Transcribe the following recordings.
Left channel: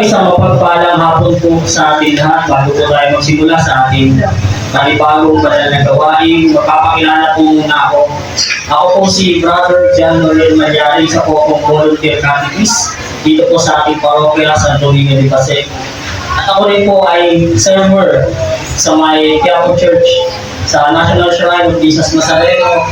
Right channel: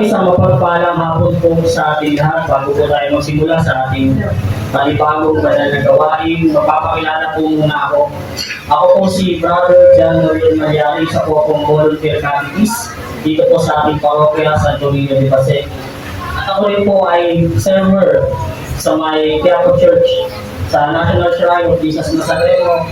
Isang mapagpalang hapon po sa ating lahat. Bago po tayo magsimula sa ating panibagong banal na gawain, magpapakilala po muna ako. Ako po si Brother John Noel Malyari sa Popong Volunteer Catechist dito po sa ating parokya San Domingo de Pasig. At ako rin po ay server sa may Quiapo Church sa National Shrine of Jesus Nazareno,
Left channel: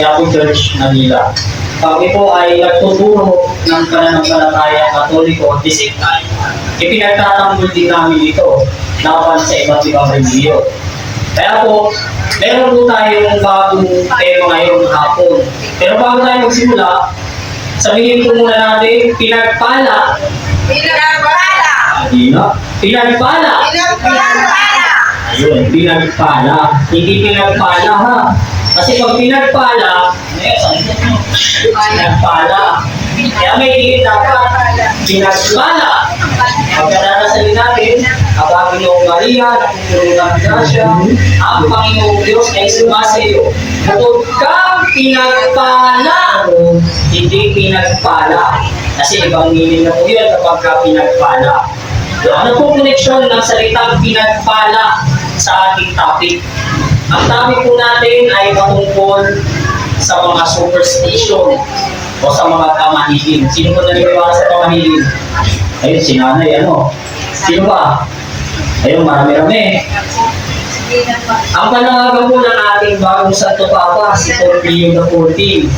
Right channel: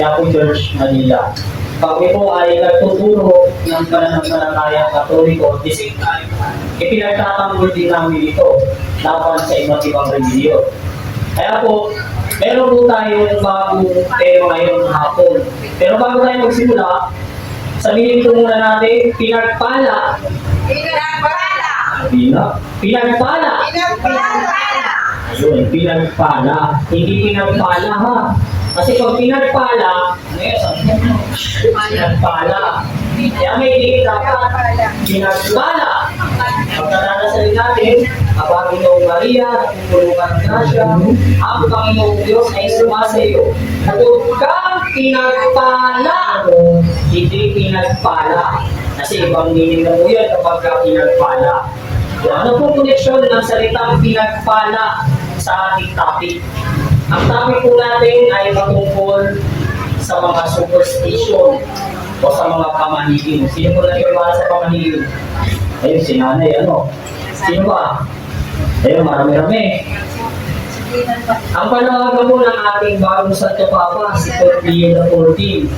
Quiapo Church, Manila. Kami po ay nagtuturo ng pananampalatayang Katoliko at the same time, ipinagtatanggol din namin ito laban sa iba't ibang relihiyon. Kaya po, meron po tayong bagong tema ngayong hapon. Pero bago tayo magsimula, sabihin po muna natin, pinagpala. Pinagpala. Pinagpala. Pinagpala. Ayun, pinagpala. Hindi pinagpala ha. Kasi pag pinagpala, pinagpala. Kaya may tingin dapat, pinagpala. Pagkaranasalin natin, ang Panginoong Maria, natutulungan ng grasya, ang Panginoong Diyos ay sumasayo. Bukod kang pinagpala, hindi pinagpala. Kasi ibang meaning na po yun kapag ka pinagpala. Ano pong koneksyon ng salitang pinagpala sa ating topic? Ang topic po natin ay patungkol sa mga superstition o sa mga pamahiin. Sino po naniniwala sa pamahiin? Ayun, si nanay, ano? Sino ba? Ayun, marami-rami. Ang panawagan po ng ating bagong Santo Papa, si Pope Leo XIV,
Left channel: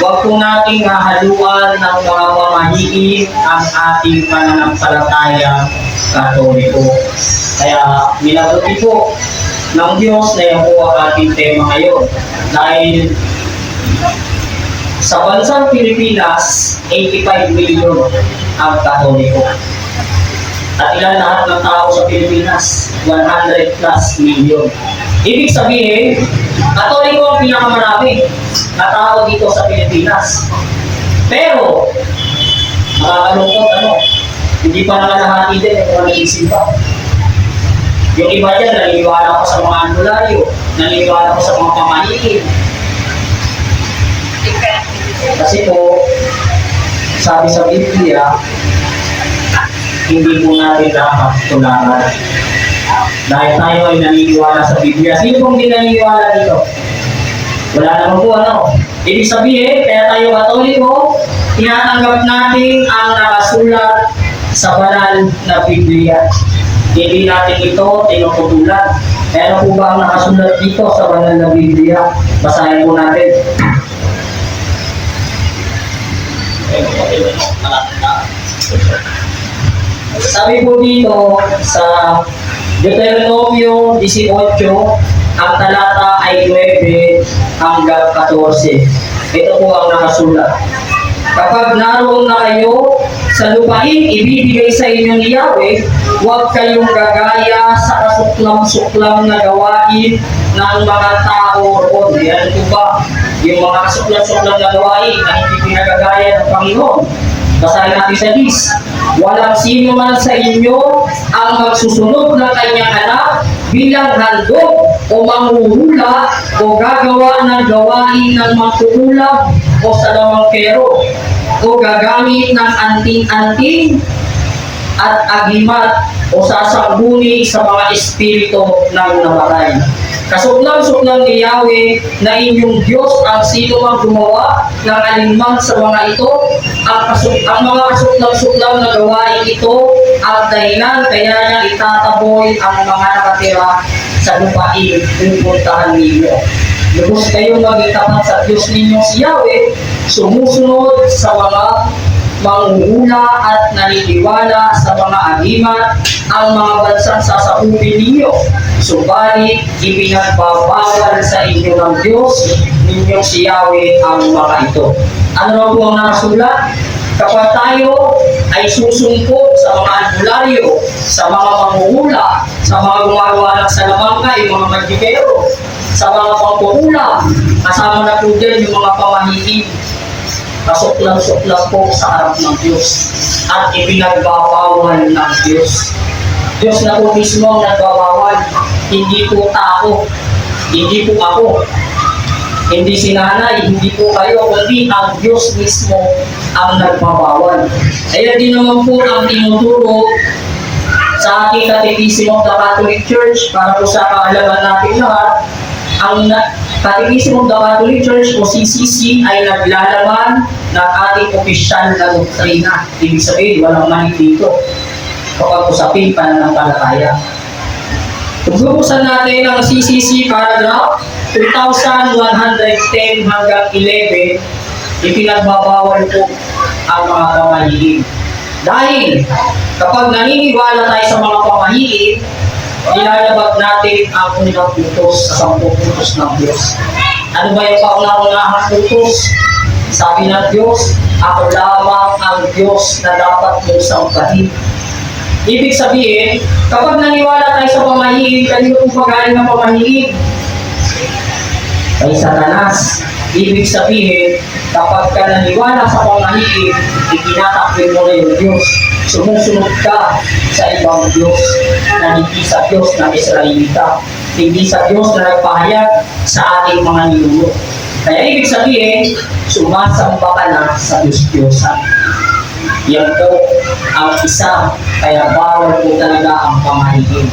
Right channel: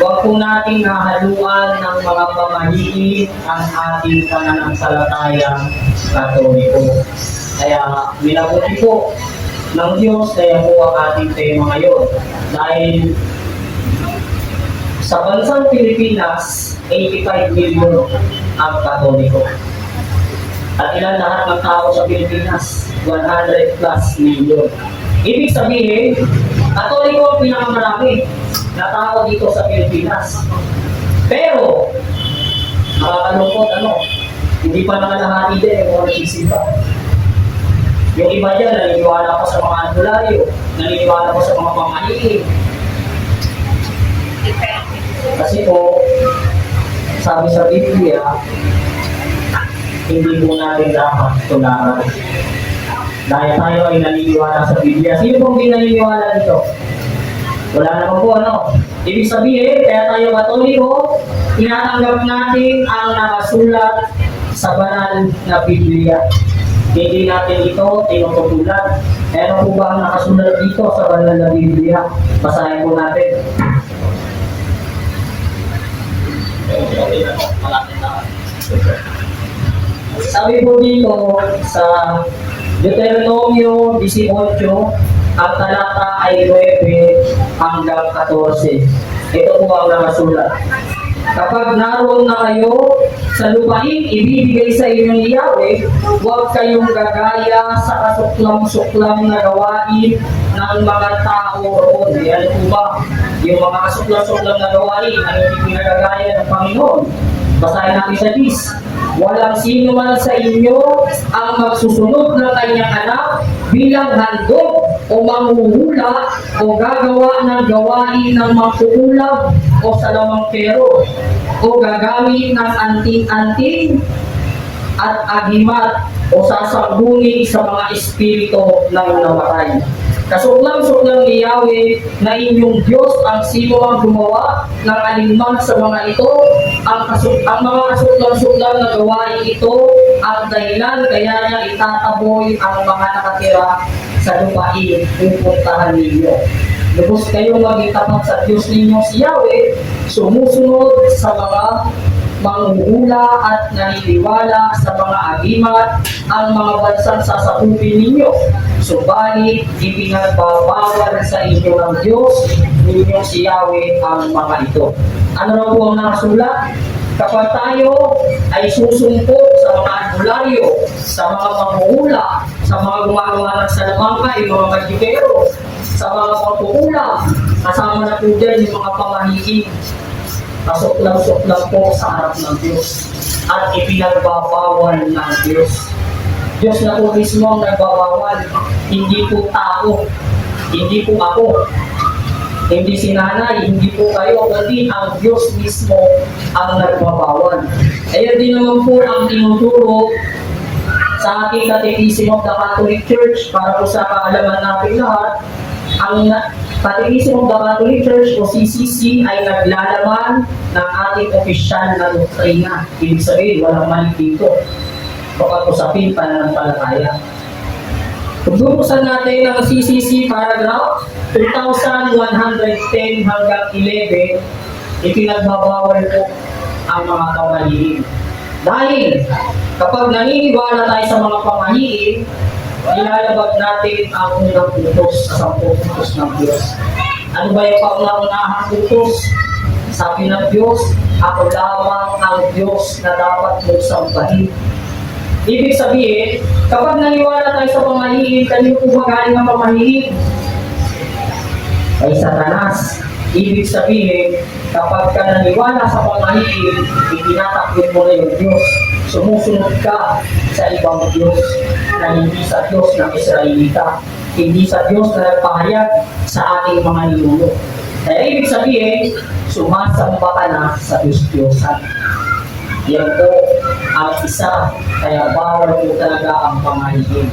huwag po nating hahaluan ng mga pamahiin ang ating pananampalatayang Katoliko. Kaya, minabuti po ng Diyos na yan po ang ating tema ngayon. Dahil sa bansang Pilipinas, 85 million ang Katoliko. At ilan lahat ng tao sa Pilipinas? 100 plus million. Ibig sabihin, Katoliko ang pinakamarami na tao dito sa Pilipinas. Pero, nakakalungkot hindi pa nakalahati din yung mga nag-isimba. Yung iba dyan, naniniwala ko sa mga albularyo, naniniwala ko sa mga pamahiin. Kasi po, sabi sa Biblia, hindi mo natin dapat tularan. Dahil tayo ay naniniwala sa Biblia. Sino pong hindi naniniwala dito? Wala naman po Ibig sabihin, kaya tayo Katoliko, tinatanggap natin ang nakasulat sa banal na Biblia. Hindi natin ito tinututulan. Kaya ano po ba ang nakasulat dito sa banal na Biblia? Basahin po natin. Sabi po dito sa Deuteronomio 18, ang talata ay 9 hanggang 14. Ito po ang nakasulat. Kapag naroon na kayo sa lupain, ibibigay sa inyo ni Yahweh, huwag kayong gagaya sa kasuklam-suklam na gawain ng mga tao roon. Yan po ba? Yung mga kasuklam-suklam na gawain na hindi pinagagaya ng Panginoon. Basahin natin sa list. Walang sino man sa inyo ang magsusunod ng kanyang anak bilang handog o manghuhula o gagawa ng gawain ng mangkukulam o salawangkero o gagamit ng anting-anting at agimat o sasangguni sa mga espiritu ng namatay. Kasuklam-suklam ni Yahweh na inyong Diyos ang sino mang gumawa ng alinman sa mga ito, ang mga kasuklam-suklam na gawain ito at dahilan kaya niya itataboy ang mga nakatira sa lupain pupuntahan ninyo. Lubos kayong maging tapat sa Diyos ninyong si Yahweh, sumusunod sa mga manghuhula at naniniwala sa mga agimat ang mga bansang sasakupin ninyo. Subalit, ipinagbabawal sa inyo ng Diyos ninyong si Yahweh ang mga ito. Ano raw po ang nakasulat? Kapag tayo ay susungkot sa mga albularyo, sa mga manghuhula, sa mga gumagawa ng salamangka, yung mga magdikero, sa mga pangkukulam, kasama na po dyan yung mga pamahiin, pasuklam-suklam po sa harap ng Diyos at ipinagbabawal ng Diyos. Diyos na po mismo ang nagbabawal, hindi po tao, hindi po ako. Hindi si nanay, hindi po kayo, kundi ang Diyos mismo ang nagbabawal. Ayan din naman po ang tinuturo sa ating Catechism of the Catholic Church para po sa kaalaman natin lahat. Ang Catechism of the Catholic Church o CCC ay naglalaman ng ating opisyal na doktrina. Ibig sabihin, walang mali dito kapag usapin pananampalataya. Kung bubuksan natin ang CCC paragraph 2,110 hanggang 11, ipinagbabawal po ang mga pamahiin. Dahil kapag naniniwala tayo sa mga pamahiin, nilalabag natin ang unang utos sa 10 utos ng Diyos. Ano ba yung kauna-unahang utos? Sabi ng Diyos, ako lamang ang Diyos na dapat mong sambahin. Ibig sabihin, kapag naniwala tayo sa pamahiin, kanino po magaling ang pamahiin? Kay Satanas. Ibig sabihin, kapag ka naniwala sa pamahiin, itinatakbil mo na yung Diyos. Sumusunod ka sa ibang Diyos na hindi sa Diyos ng Israelita, hindi sa Diyos na nagpahayag sa ating mga ninuno. Kaya ibig sabihin, sumasamba ka na sa Diyos-Diyosan. Yan po ang isa, kaya bawal po talaga ang pamahiin.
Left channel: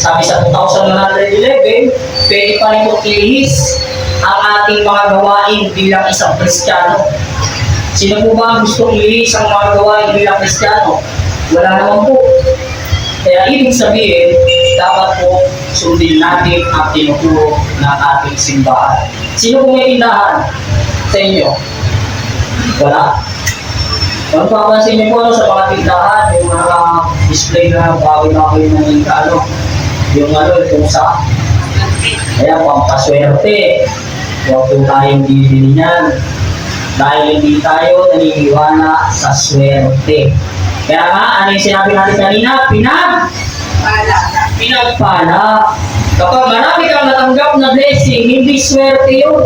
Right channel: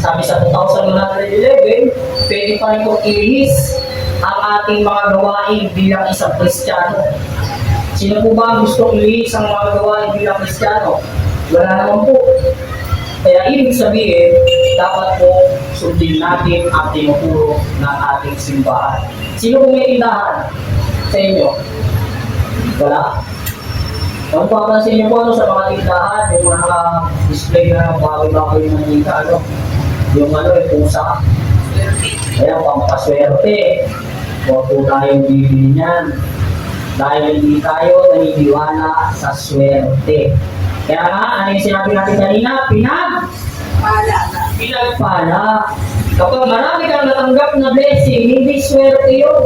Sabi sa 2,111, pwede pa rin po ilihis ang ating mga gawain bilang isang Kristiyano. Sino po ba ang gustong ilihis ang mga gawain bilang Kristiyano? Wala naman po. Kaya ibig sabihin, dapat po sundin natin ang tinuturo ng ating simbahan. Sino po may tindahan sa inyo? Wala. Kung papansin niyo po sa mga tindahan, yung mga naka-display na bawi-bawi na yung pusa. Kaya pampaswerte. Huwag po tayong bibili niyan. Dahil hindi tayo naniniwala sa swerte. Kaya nga, ano yung sinabi natin kanina? Pinagpala. Kapag marami kang natanggap na blessing, hindi swerte yun.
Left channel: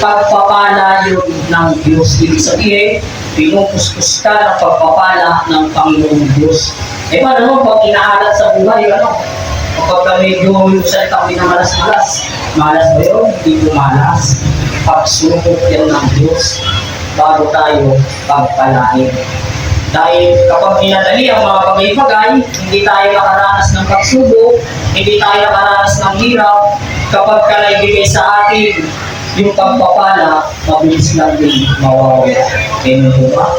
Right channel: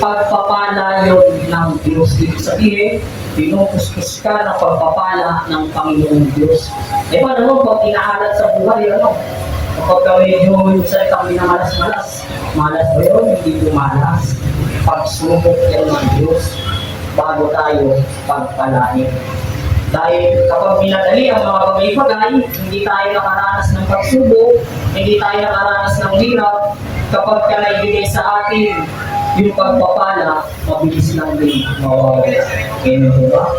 Pagpapala yun ng Diyos. Ibig sabihin, pinupuskus ka ng pagpapala ng Panginoong Diyos. E paano pag inaalat sa buhay, kapag medyo yung salita ko na malas-malas, malas ba yun? Hindi po malas. Pagsubok yan ng Diyos bago tayo pagpalain. Dahil kapag pinadali ang mga bagay-bagay, hindi tayo nakaranas ng pagsubok, hindi tayo nakaranas ng hirap, kapag ka naibigay sa atin yung pagpapala, mabilis lang din mawawala. Ganun po ba?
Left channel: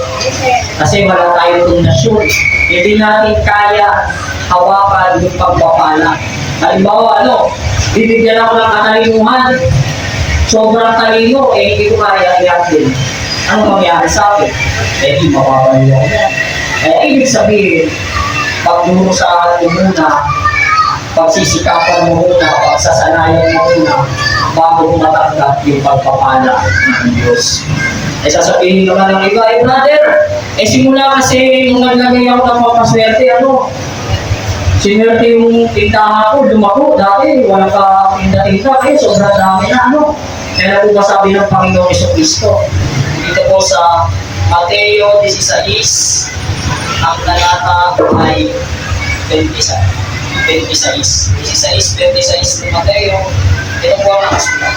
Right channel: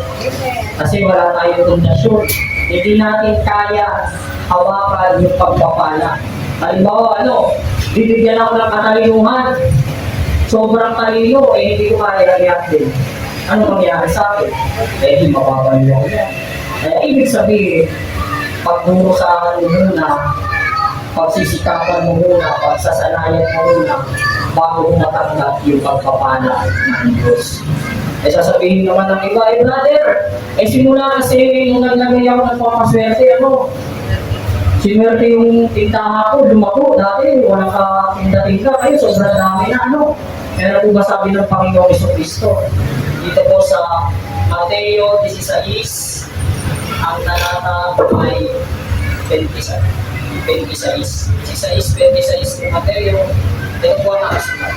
Kasi wala tayong pundasyon. Hindi natin kaya hawakan yung pagpapala. Halimbawa, bibigyan ako ng katalinuhan. Sobrang talino, hindi ko kaya i-update. Ano mangyari sa akin? Hindi mapapalino ko yan. Kaya ibig sabihin, pagmurusahan mo muna, pagsisikapan mo muna, pagsasanayan mo muna, bago mo matanggap yung pagpapala ng Diyos. Sasabihin naman ng iba, brother, simula kasi nung naglagay ako ng papaswerte, sinwerte yung tindahan ko, lumako, dati, walang ka-tinda-tinda, kayo, sobrang dami na, Kaya po ba sabi ng Panginoong Jesucristo? Dito po sa Mateo 16, ang talata ay 26 ng Mateo. Ito po ang nakasulat.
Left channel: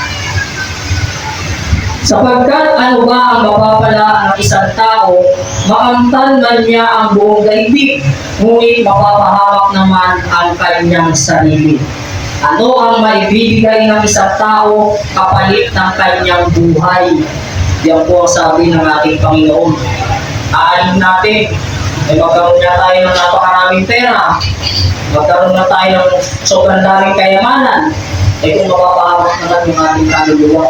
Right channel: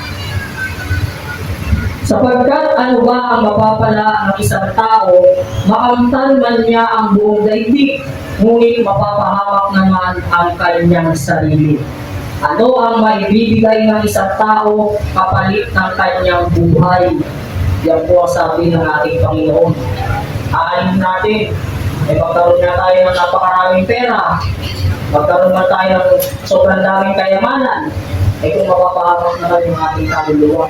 Sapagkat ano ba ang mapapala ng isang tao, makamtan man niya ang buong daigdig, ngunit mapapahamak naman ang kanyang sarili. Ano ang maibibigay ng isang tao kapalit ng kanyang buhay? Yan po ang sabi ng ating Panginoon. Aanin natin, magkaroon na tayo ng napakaraming pera, magkaroon na tayo ng sobrang daming kayamanan, kung mapapahamak naman yung ating kaluluwa.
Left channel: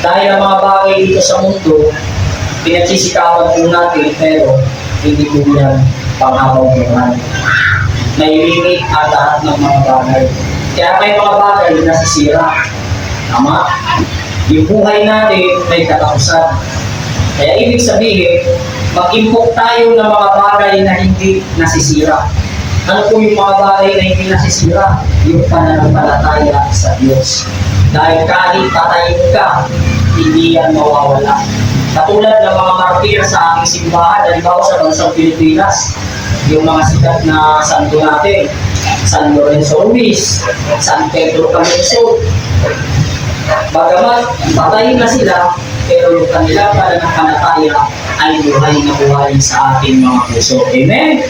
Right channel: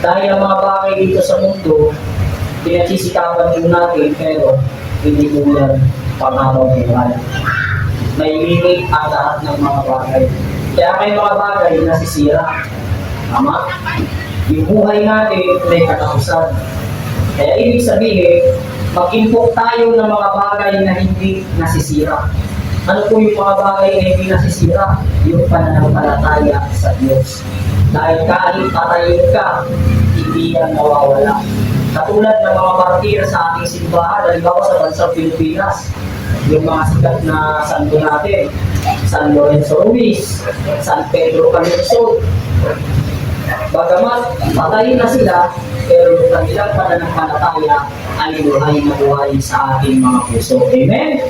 Dahil ang mga bagay dito sa mundo, pinagsisikapan po natin, pero hindi po yan panghabang buhay. Nailimit ang lahat ng mga bagay. Kaya may mga bagay na nasisira. Tama? Yung buhay natin may katapusan. Kaya ibig sabihin, mag-impok tayo ng mga bagay na hindi nasisira. Ano po yung mga bagay na hindi nasisira? Yung pananampalataya sa Diyos. Dahil kahit patayin ka, hindi yan mawawala. Katulad ng mga martir sa ating simbahan, halimbawa sa bansang Pilipinas, yung mga sikat na santo natin, San Lorenzo Ruiz, San Pedro Calungsod, Bagamat patay na sila, pero yung kanilang pananampalataya ay buhay na buhay sa ating mga puso. Amen?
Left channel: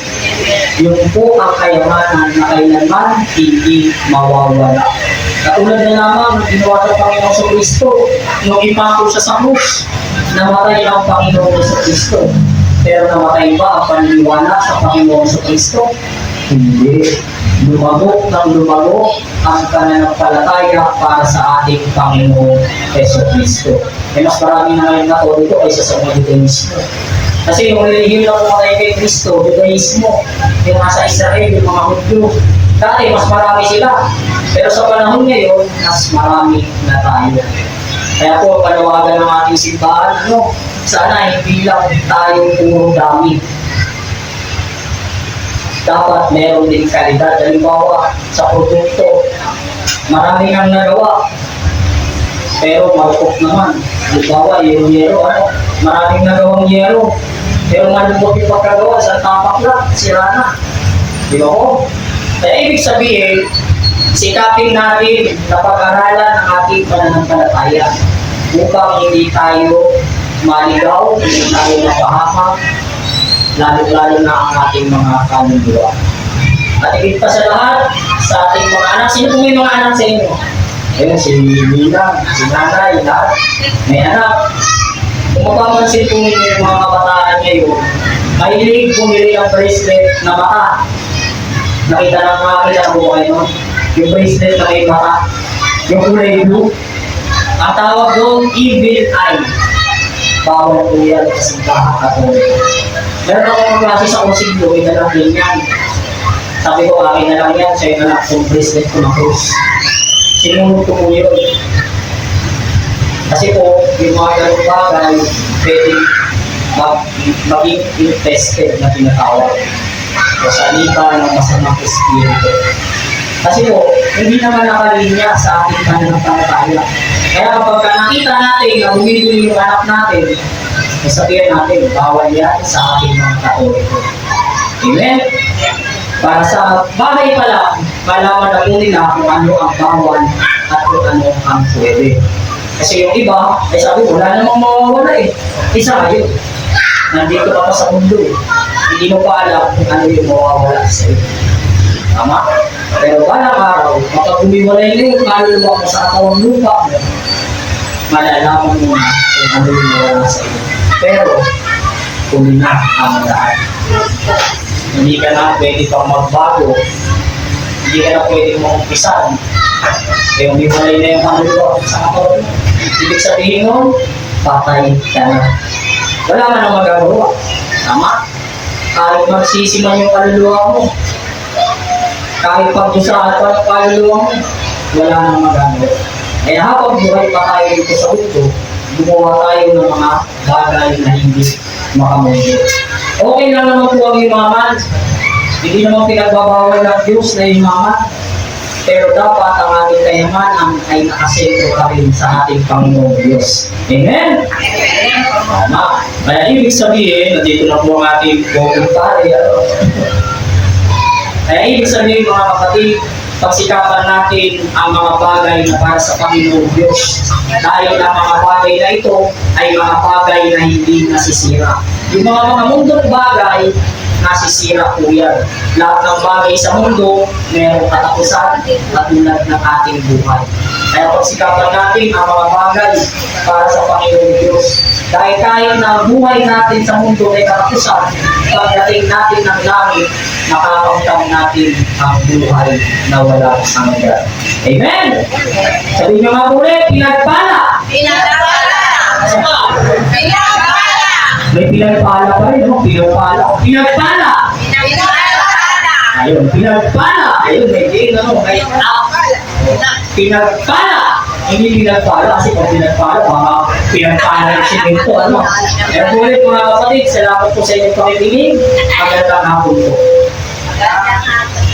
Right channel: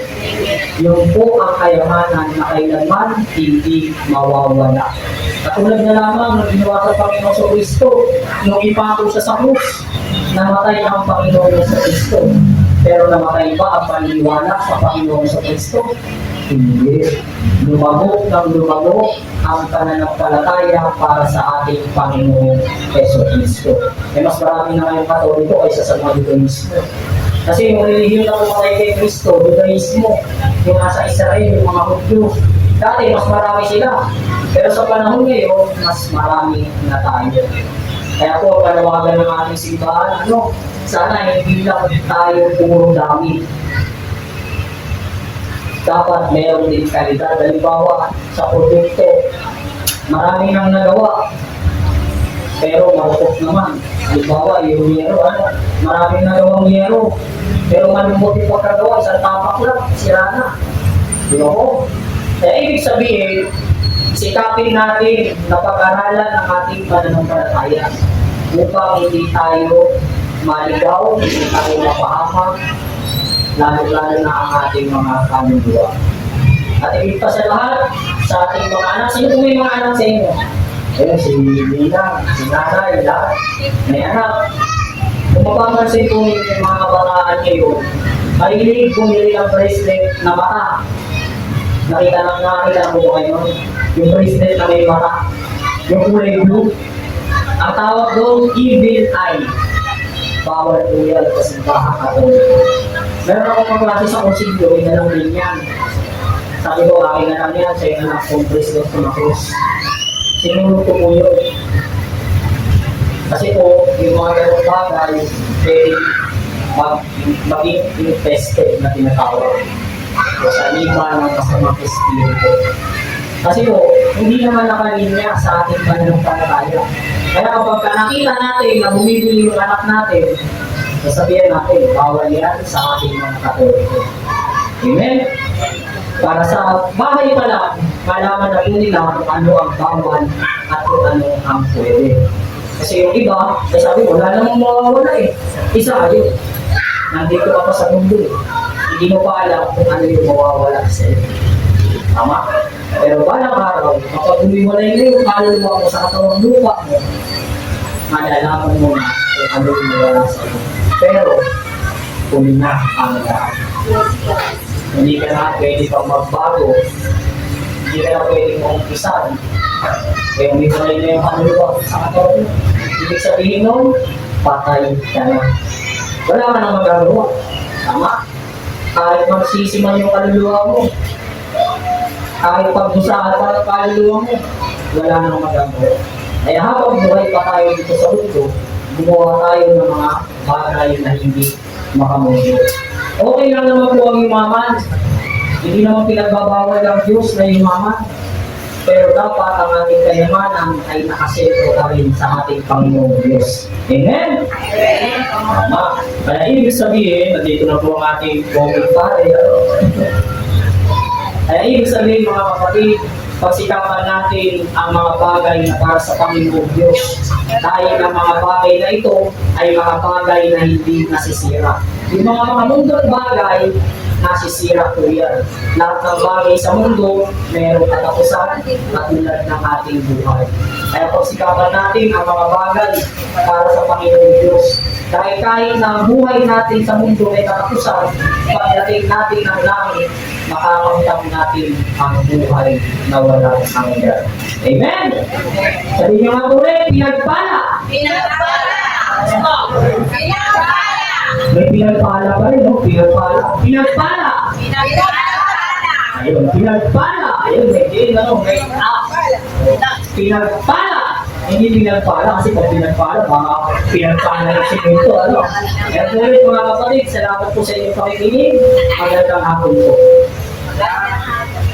Yun po ang kayamanan na kailanman hindi mawawala. Katulad na lamang ng ginawa sa Panginoon sa Kristo, nung ipako siya sa krus, namatay ang Panginoon sa Kristo. Pero namatay ba ang paniniwala sa Panginoon sa Kristo? Hindi. Lumabok ng lumabok ang pananampalataya para sa ating Panginoong Yeso Kristo. Eh mas marami na ngayon ba dito kaysa sa mga Judaismo. Kasi yung relihiyong na pumatay kay Kristo, Judaismo, yung nasa Israel, yung mga Hudyo, dati mas marami sila. Pero sa panahon ngayon, mas marami na tayo. Kaya po, panawagan ng ating simbahan, no? Sana hindi lang tayo puro dami. Dapat meron din kalidad. Halimbawa, sa produkto, marami nang nagawa. Pero malukot naman. Halimbawa, yung yero, maraming nagawang yero. Pero malumot yung pagkagawa, sa tapak lang, sira na. Di ba ko? Kaya ibig sabihin, sikapin natin na pag-aralan ng ating pananampalataya upang hindi tayo maligaw, hindi tayo mapahamak, lalo-lalo na ang ating mga kaluluwa. At higit pa sa lahat, sa ating mga anak, sino po yung mga anak sa inyo? Ayun, si Nina, si Nanay, lahat. May anak. Kung mapapansin po ninyo yung mga kabataan ngayon, mahilig bumili ang bracelet na mata. Nakita na po kayo nun? Yung bracelet na may mata, yung kulay blue. Ang tawag doon, evil eye. Bawal po yan kasi kahakatulog. Meron ako magkasi sa kusinto, may dalang din yan. Sabi ko, akin na lang yan, sa'yo na lang yung bracelet ko na krus. Sinunod ko po yun. Kasi po, yung mga ganong bagay, pwede maging infested na tinatawag. O sa liba ng masamang espiritu. Kasi po, hindi naman nakalinya sa ating pananampalataya. Kaya kapag nakita natin na bumibili yung anak natin, sabihin natin, bawal yan sa ating mga Katoliko. Amen? Para sa bahay pa lang, malaman na po nila kung ano ang bawal at kung ano ang pwede. Kasi yung iba, ay sabi ko, wala namang mawawala eh. Isa kayo. Nandito ka pa sa mundo eh. Hindi mo pa alam kung ano yung mawawala sa iyo. Tama? Pero balang araw, kapag bumiwalay na yung kaluluwa mo sa katawang lupa mo, malalaman mo na kung ano yung mawawala sa iyo. Pero, huli na ang daan. Hindi ka na pwede pang magbago. Hindi ka na pwede mong umpisan. Kaya umiwalay na yung kaluluwa sa katawang lupa. Ibig sabihin nun, patay ka na. Wala ka nang magagawa. Tama? Kahit magsisiman yung kaluluwa mo, kahit pagdusahan pa ng kaluluwa mo, wala nang magagawa. Kaya habang buhay pa tayo dito sa mundo, gumawa tayo ng mga bagay na hindi makamundo. Okay lang naman po ang yumaman. Hindi naman pinagbabawal ng Diyos na yumaman. Pero dapat ang ating kayamanan ay nakasentro ka rin sa ating Panginoong Diyos. Amen? Amen. Tama. Kaya ibig sabihin, nandito na po ang ating buong pare. Kaya ibig sabihin mga kapatid, pagsikapan natin ang mga bagay na para sa Panginoong Diyos. Dahil ang mga bagay na ito ay mga bagay na hindi nasisira. Yung mga mundong bagay, nasisira po yan. Lahat ng bagay sa mundo, mayroong katapusan katulad ng ating buhay. Kaya pagsikapan natin ang mga bagay para sa Panginoong Diyos. Dahil kahit na ang buhay natin sa mundo ay katapusan, pagdating natin ng langit, makakautang natin ang buhay na wala hanggan. Amen? Sabihin nyo nga ulit, pinagpala! Pinagpala! Saka, Pinagpala! may pinagpala ba yun? Pinagpala! Pinagpala! Pinagpala! Ayun, pinagpala! Ayun, may din, ano, may pinagpala! Hindi pinagpala kasi pag pinagpala, baka pinagpala yung siminto, ano. Kaya po ulit mga kapatid, salamat po sa inyong pakikinig. Magandang hapon po. Magandang hapon.